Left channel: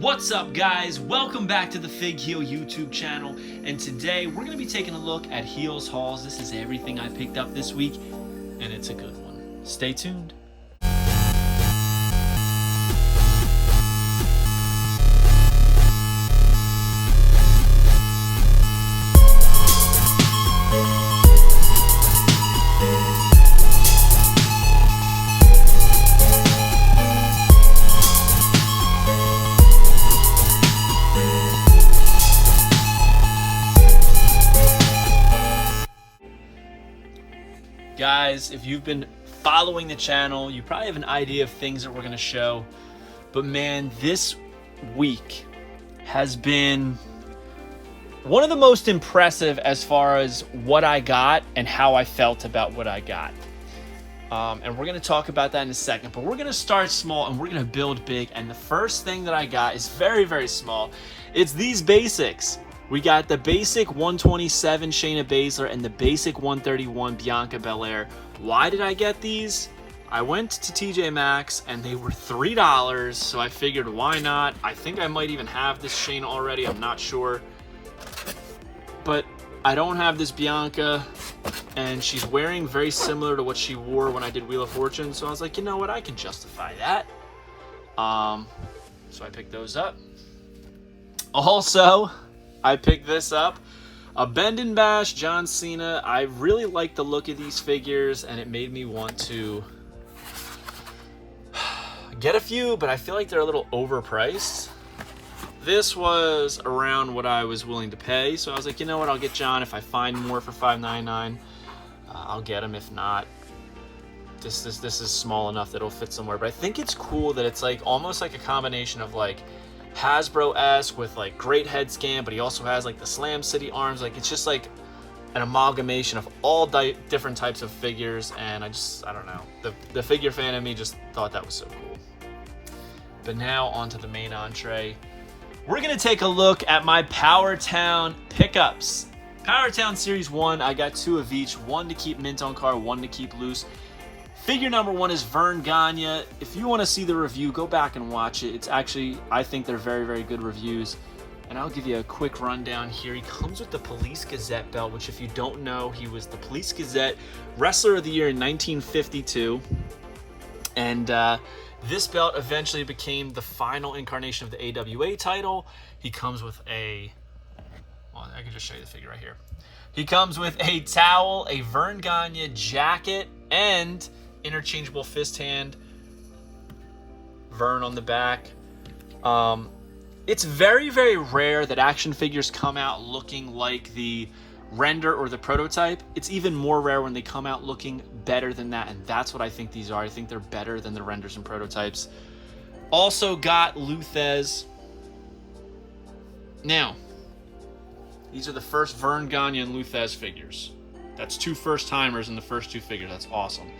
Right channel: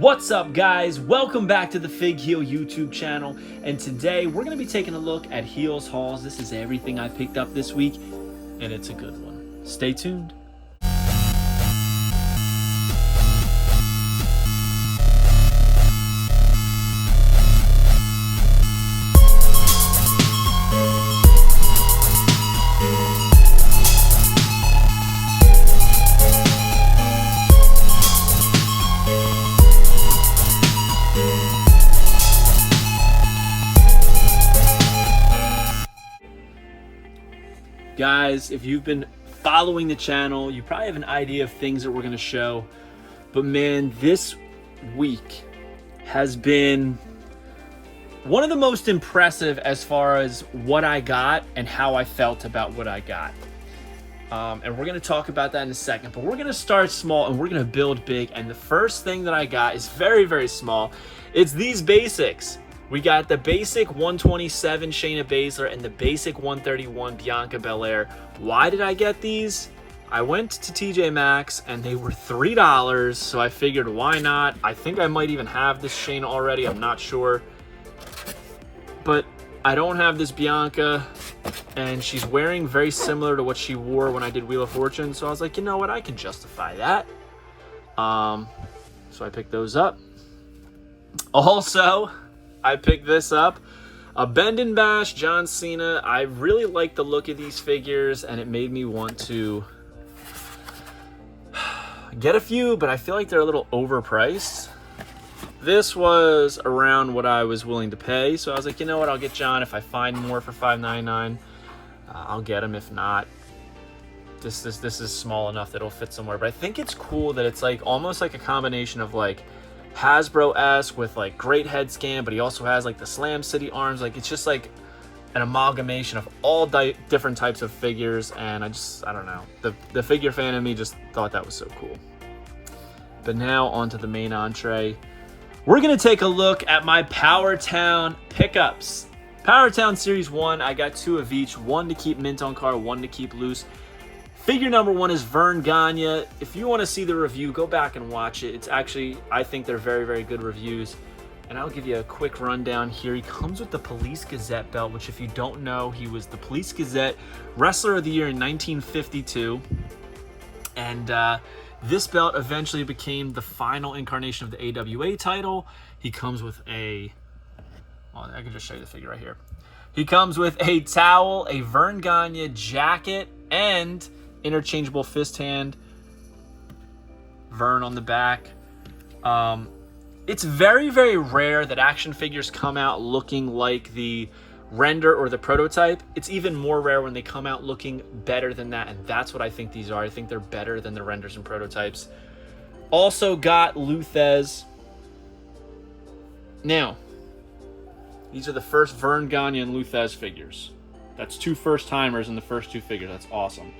What's up, guys? Welcome back to the Fig Heel YouTube channel, and today we're going to be taking a look at Heels hauls. This is everything I picked up this week, and it's a good one. Stay tuned. Guys, if you've been following the channel, you probably have an idea of things that we're going to show. But man, this week has been one of the most impressive as far as what I got and how I felt about what I got. And we're going to talk about that in a second. But we're going to start small and we're going to build big. And the first thing that I got is very, very small. It's these basics. We got the basic 127 Shayna Baszler and the basic 131 Bianca Belair. Why did I get these? I went to TJ Maxx and they were $3, so I figured why not? I think I might even have this Shayna already, I'm not sure. But I don't have this Bianca, and she's wearing very similar to what she wore when I did Wheel of Fortune, so I was like, you know what, I can justify that. So I picked those up. Also, I picked this up, a Bend and Bash John Cena. I really like the look of these figures, and it made me want to get a few, but I feel like they're a little overpriced. This was around what I was willing to pay, so I was like, you know what, I'll get John. If I find more for $5.99, I'll get them. If not, this is small enough that it'll fit somewhere. But I think it's cool that it's like almost like a combination of like Hasbro-esque with like great head scan, but he also has like the Slam City arms. Like it's just like an amalgamation of all different types of figures, and I don't know, the figure fan in me just thought that was so cool. But now onto the main entree. We're gonna take a look at my Powertown pickups. Powertown Series 1, I got 2 of each, one to keep mint on card, one to keep loose. Figure number 1 is Vern Ganya. If you want to see the review, go back and watch it. It's actually, I think they're very, very good reviews. And I'll give you a quick rundown here. He comes with the Police Gazette belt, which if you don't know, he was the Police Gazette Wrestler of the Year in 1952. And this belt eventually became the final incarnation of the AWA title. He comes with a, well, I can just show you the figure right here. He comes with a towel, a Vern Ganya jacket, and interchangeable fist hand, Vern on the back. It's very, very rare that action figures come out looking like the render or the prototype. It's even more rare when they come out looking better than that, and that's what I think these are. I think they're better than the renders and prototypes. Also got Luthez. Now, these are the first Vern Ganya and Luthez figures. That's 2 first-timers in the first 2 figures. That's awesome.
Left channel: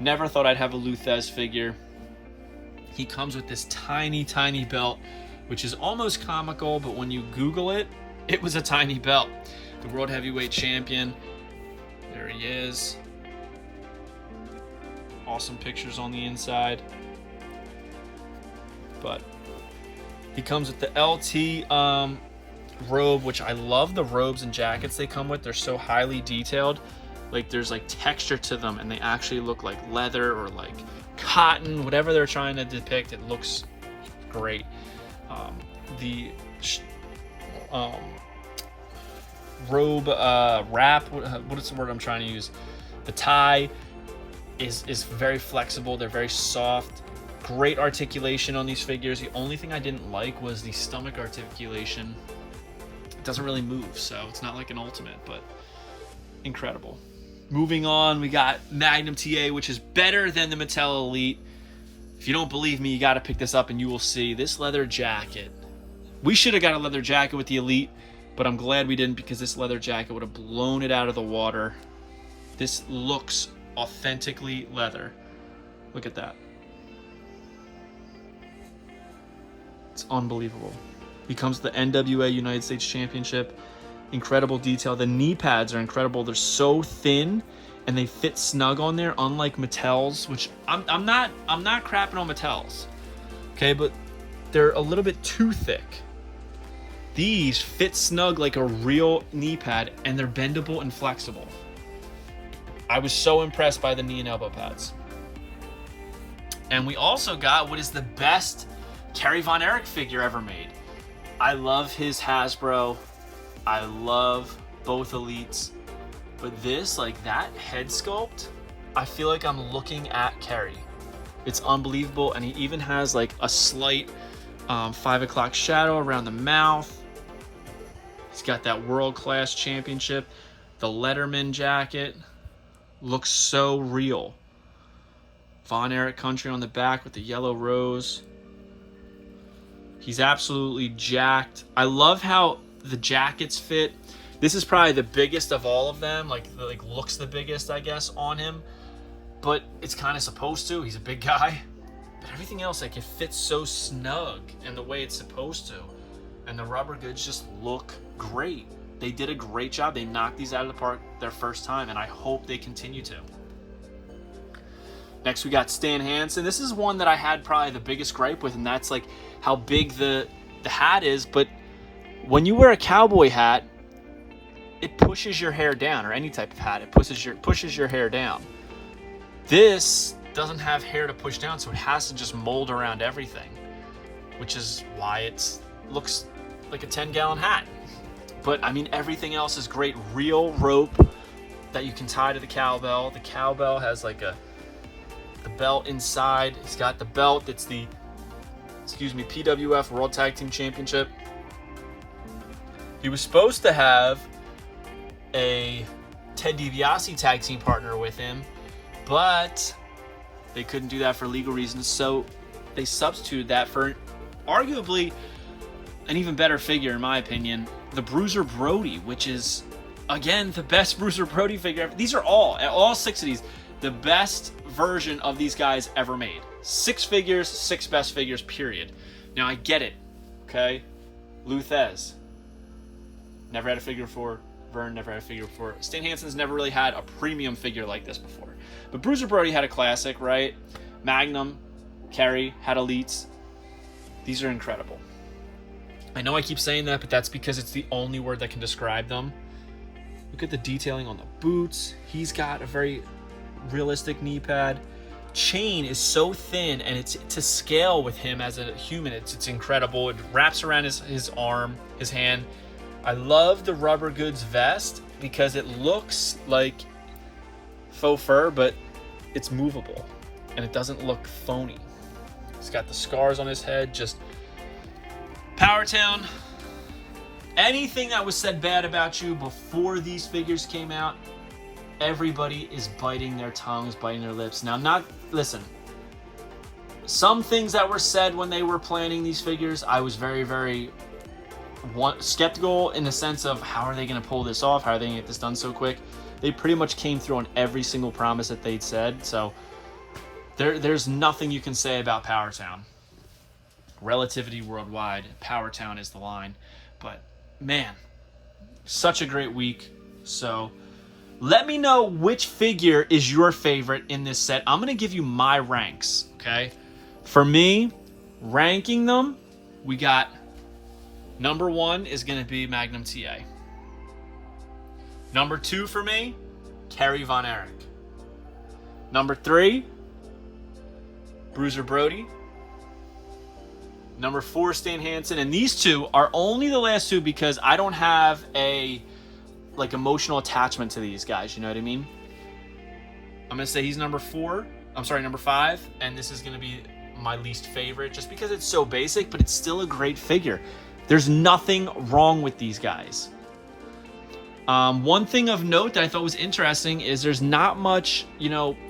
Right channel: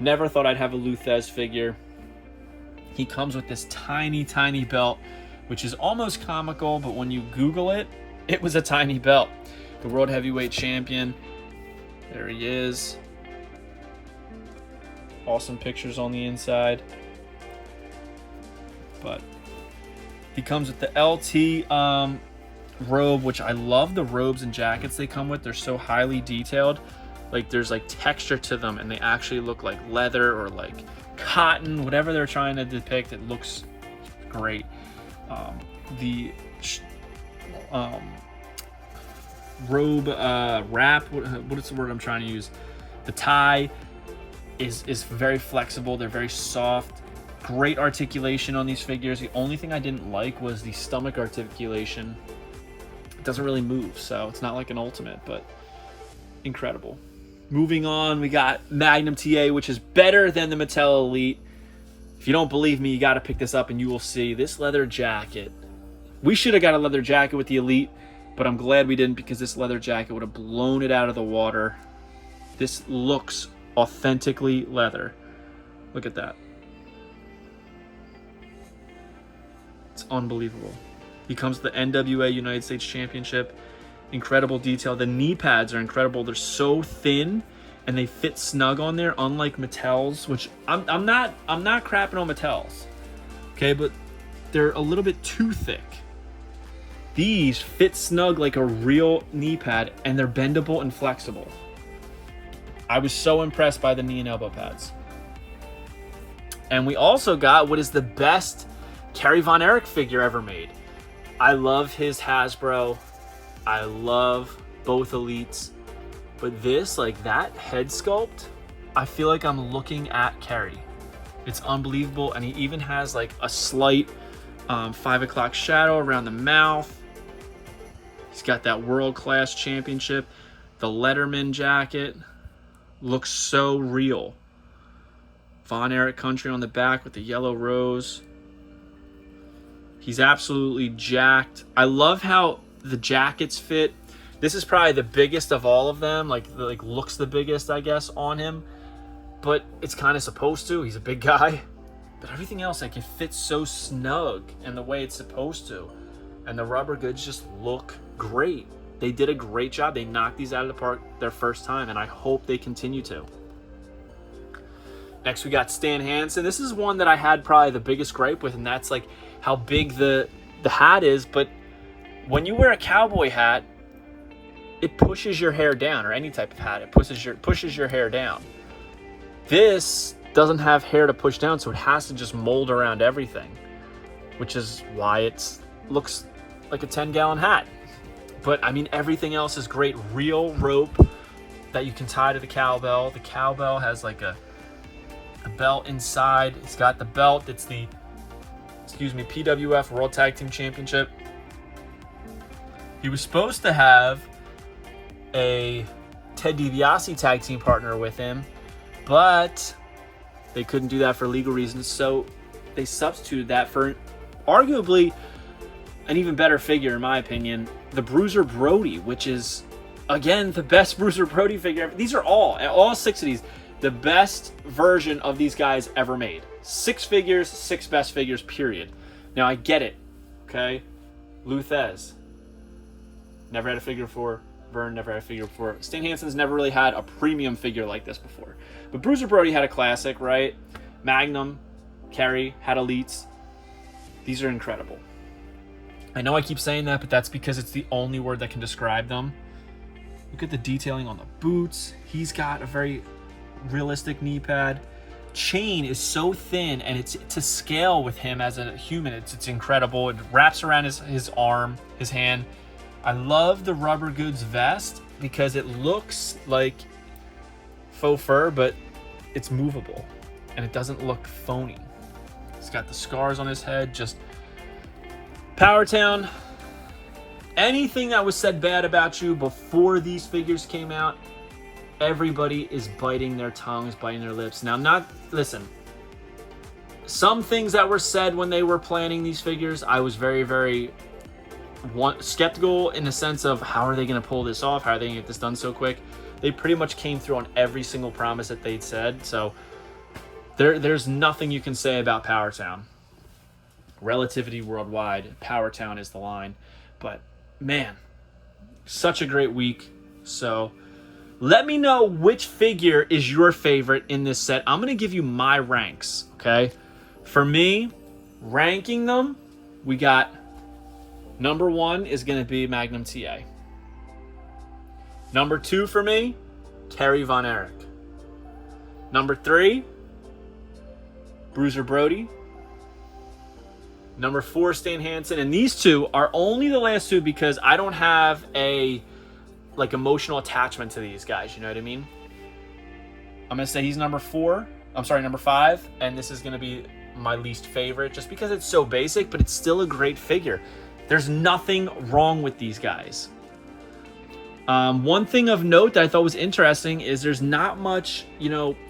Never thought I'd have a Luthez figure. He comes with this tiny, tiny belt, which is almost comical, but when you Google it, it was a tiny belt. The World Heavyweight Champion. There he is. Awesome pictures on the inside. But he comes with the LT robe, which I love the robes and jackets they come with. They're so highly detailed. Like there's like texture to them, and they actually look like leather or like cotton, whatever they're trying to depict. It looks great. The robe wrap, what is the word I'm trying to use? The tie is very flexible. They're very soft. Great articulation on these figures. The only thing I didn't like was the stomach articulation. It doesn't really move, so it's not like an ultimate, but incredible. Moving on, we got Magnum TA, which is better than the Mattel Elite. If you don't believe me, you got to pick this up and you will see this leather jacket. We should have got a leather jacket with the Elite, but I'm glad we didn't, because this leather jacket would have blown it out of the water. This looks authentically leather. Look at that. It's unbelievable. He comes to the NWA United States Championship. Incredible detail. The knee pads are incredible. They're so thin and they fit snug on there, unlike Mattel's, which I'm not crapping on Mattel's. Okay, but they're a little bit too thick. These fit snug like a real knee pad, and they're bendable and flexible. I was so impressed by the knee and elbow pads. And we also got what is the best Carrie Von Erich figure ever made. I love his Hasbro. I love both Elites. But this, like that head sculpt, I feel like I'm looking at Carrie. It's unbelievable. And he even has like a slight 5 o'clock shadow around the mouth. He's got that world-class championship. The Letterman jacket looks so real. Von Erich country on the back with the yellow rose. He's absolutely jacked. I love how the jackets fit. This is probably the biggest of all of them. Like looks the biggest, I guess, on him. But it's kind of supposed to. He's a big guy. But everything else, like, it fits so snug and the way it's supposed to. And the rubber goods just look great. They did a great job. They knocked these out of the park their first time, and I hope they continue to. Next, we got Stan Hanson. This is one that I had probably the biggest gripe with, and that's like how big the hat is. But when you wear a cowboy hat, it pushes your hair down, or any type of hat, it pushes your hair down. This doesn't have hair to push down, so it has to just mold around everything, which is why it looks like a 10-gallon hat. But I mean, everything else is great. Real rope that you can tie to the cowbell. The cowbell has like a belt inside. It's got the belt. It's the, PWF World Tag Team Championship. He was supposed to have a Ted DiBiase tag team partner with him, but they couldn't do that for legal reasons, so they substituted that for arguably an even better figure, in my opinion, the Bruiser Brody, which is, again, the best Bruiser Brody figure ever. These are all 6 of these, the best version of these guys ever made. 6 figures, 6 best figures, period. Now, I get it, okay? Luthez, never had a figure before. Vern never had a figure before. Stan Hanson's never really had a premium figure like this before. But Bruiser Brody had a classic, right? Magnum, Carrie had Elites. These are incredible. I know I keep saying that, but that's because it's the only word that can describe them. Look at the detailing on the boots. He's got a very realistic knee pad. Chain is so thin, and it's to scale with him as a human. It's incredible. It wraps around his arm, his hand. I love the rubber goods vest because it looks like faux fur, but it's movable and it doesn't look phony. He's got the scars on his head. Just Powertown. Anything that was said bad about you before these figures came out, everybody is biting their tongues, biting their lips. Now, listen, some things that were said when they were planning these figures, I was very, very skeptical in the sense of how are they going to pull this off? How are they going to get this done so quick? They pretty much came through on every single promise that they'd said. So there's nothing you can say about Powertown. Relativity worldwide, Powertown is the line. But man, such a great week. So let me know which figure is your favorite in this set. I'm going to give you my ranks, okay? For me, ranking them, we got number 1 is going to be Magnum TA. Number 2 for me, Carrie Von Erich. Number 3, Bruiser Brody. Number 4, Stan Hanson. And these 2 are only the last 2 because I don't have a emotional attachment to these guys, you know what I mean? I'm going to say he's number 5, and this is going to be my least favorite just because it's so basic, but it's still a great figure. There's nothing wrong with these guys. One thing of note that I thought was interesting is there's not much,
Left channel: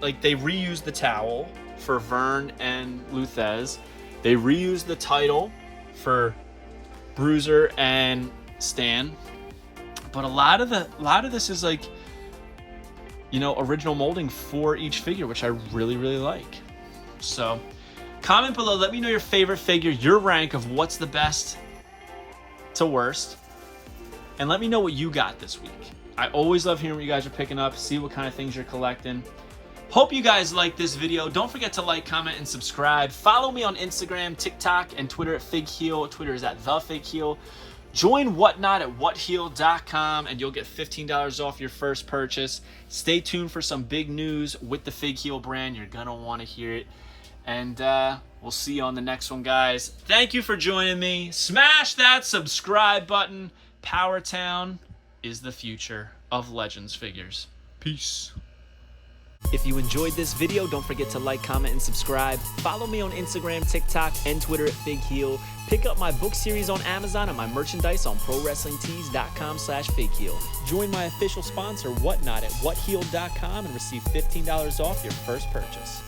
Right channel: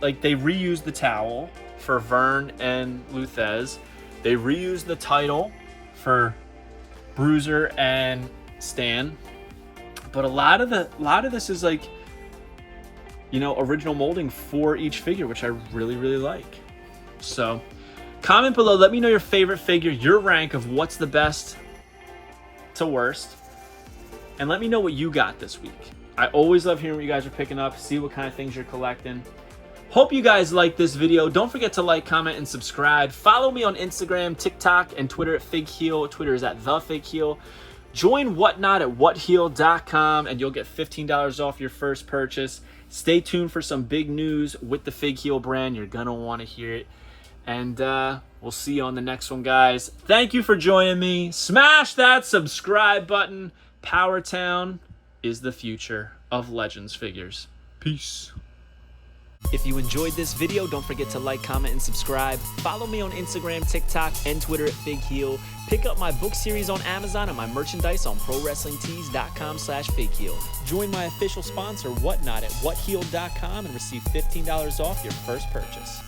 like they reused the towel for Vern and Luthez. They reused the title for Bruiser and Stan. But a lot of this is like, original molding for each figure, which I really, really like. So comment below. Let me know your favorite figure, your rank of what's the best to worst. And let me know what you got this week. I always love hearing what you guys are picking up, see what kind of things you're collecting. Hope you guys liked this video. Don't forget to like, comment, and subscribe. Follow me on Instagram, TikTok, and Twitter at FigHeel. Twitter is at TheFigHeel. Join Whatnot at whatheel.com and you'll get $15 off your first purchase. Stay tuned for some big news with the FigHeel brand. You're gonna want to hear it. And we'll see you on the next one, guys. Thank you for joining me. Smash that subscribe button. Powertown is the future of Legends figures. Peace. If you enjoyed this video, don't forget to like, comment, and subscribe. Follow me on Instagram, TikTok, and Twitter at FigHeel. Pick up my book series on Amazon and my merchandise on ProWrestlingTees.com/FigHeel. Join my official sponsor, Whatnot, at whatheel.com and receive $15 off your first purchase.